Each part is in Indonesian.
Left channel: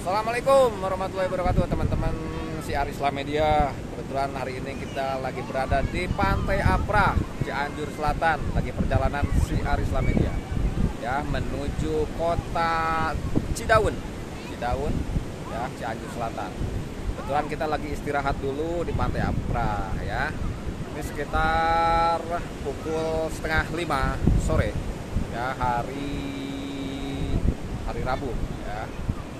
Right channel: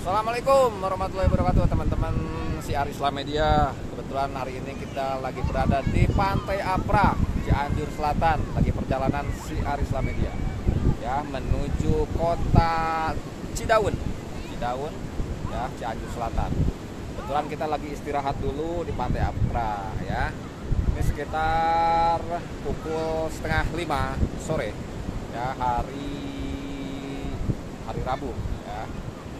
Assalamualaikum warahmatullahi wabarakatuh teman-teman Syiar Islam Media. Kebetulan hari ini kita lagi berada di Pantai Apra, Cianjur Selatan. Lagi perjalanan Syiar Islam Media ya, menuju kota Cidaun ya, Cianjur Selatan. Kebetulan kita lagi istirahat dulu di Pantai Apra ya. Ini sekitar pukul setengah 5 sore ya, hari Rabu ya.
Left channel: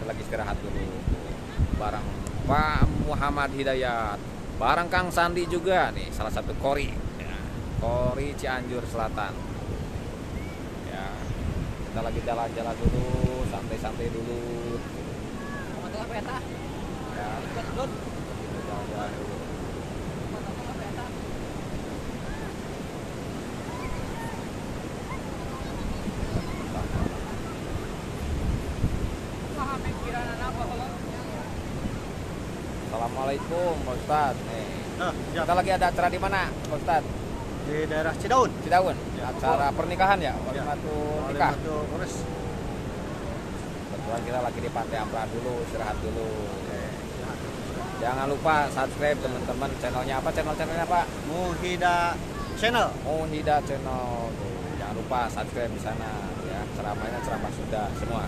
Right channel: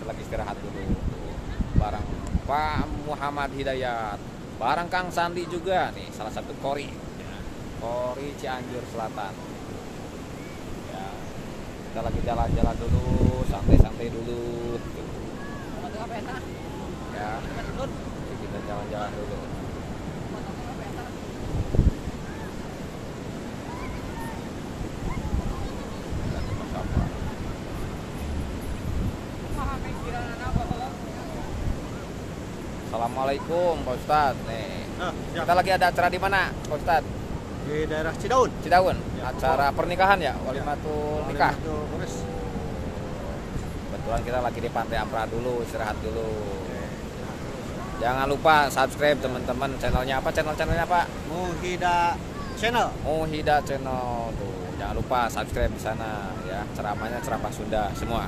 Kita lagi istirahat dulu tuh, bareng Pak Muhammad Hidayat, bareng Kang Sandi juga nih, salah satu kori ya. Kori Cianjur Selatan ya. Kita lagi jalan-jalan dulu, santai-santai dulu ya. Kita jalan-jalan dulu. Assalamualaikum Pak Ustad. Nih. Kita lagi ada acara di mana Pak Ustad? Di daerah Cidaun. Cidaun. Ya. Acara pernikahan ya? Walimatul nikah. Kebetulan kita lagi di Pantai Apra dulu, istirahat dulu. Oke, istirahat dulu. Jangan lupa subscribe teman-teman, channelnya apa? Channelnya Pak? Muhida Channel. Muhida Channel. Tuh, jangan lupa subscribe di sana ya. Ceramahnya ceramah Sunda semua.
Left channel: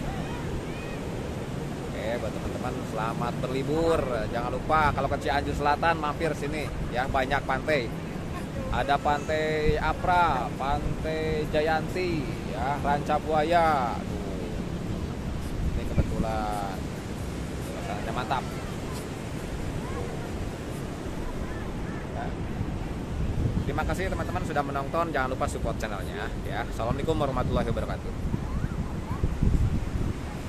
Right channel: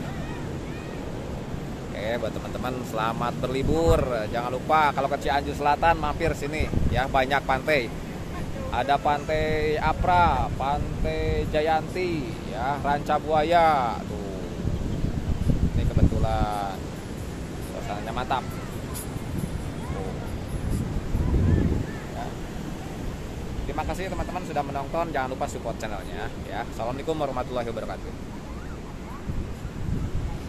Oke, buat teman-teman selamat berlibur. Jangan lupa kalau ke Cianjur Selatan mampir sini ya, banyak pantai. Ada Pantai Apra, Pantai Jayanti ya, Ranca Buaya. Tuh. Ini kebetulan suasananya mantap. Ya. Terima kasih teman-teman sudah menonton. Jangan lupa support channelnya ya. Assalamualaikum warahmatullahi wabarakatuh.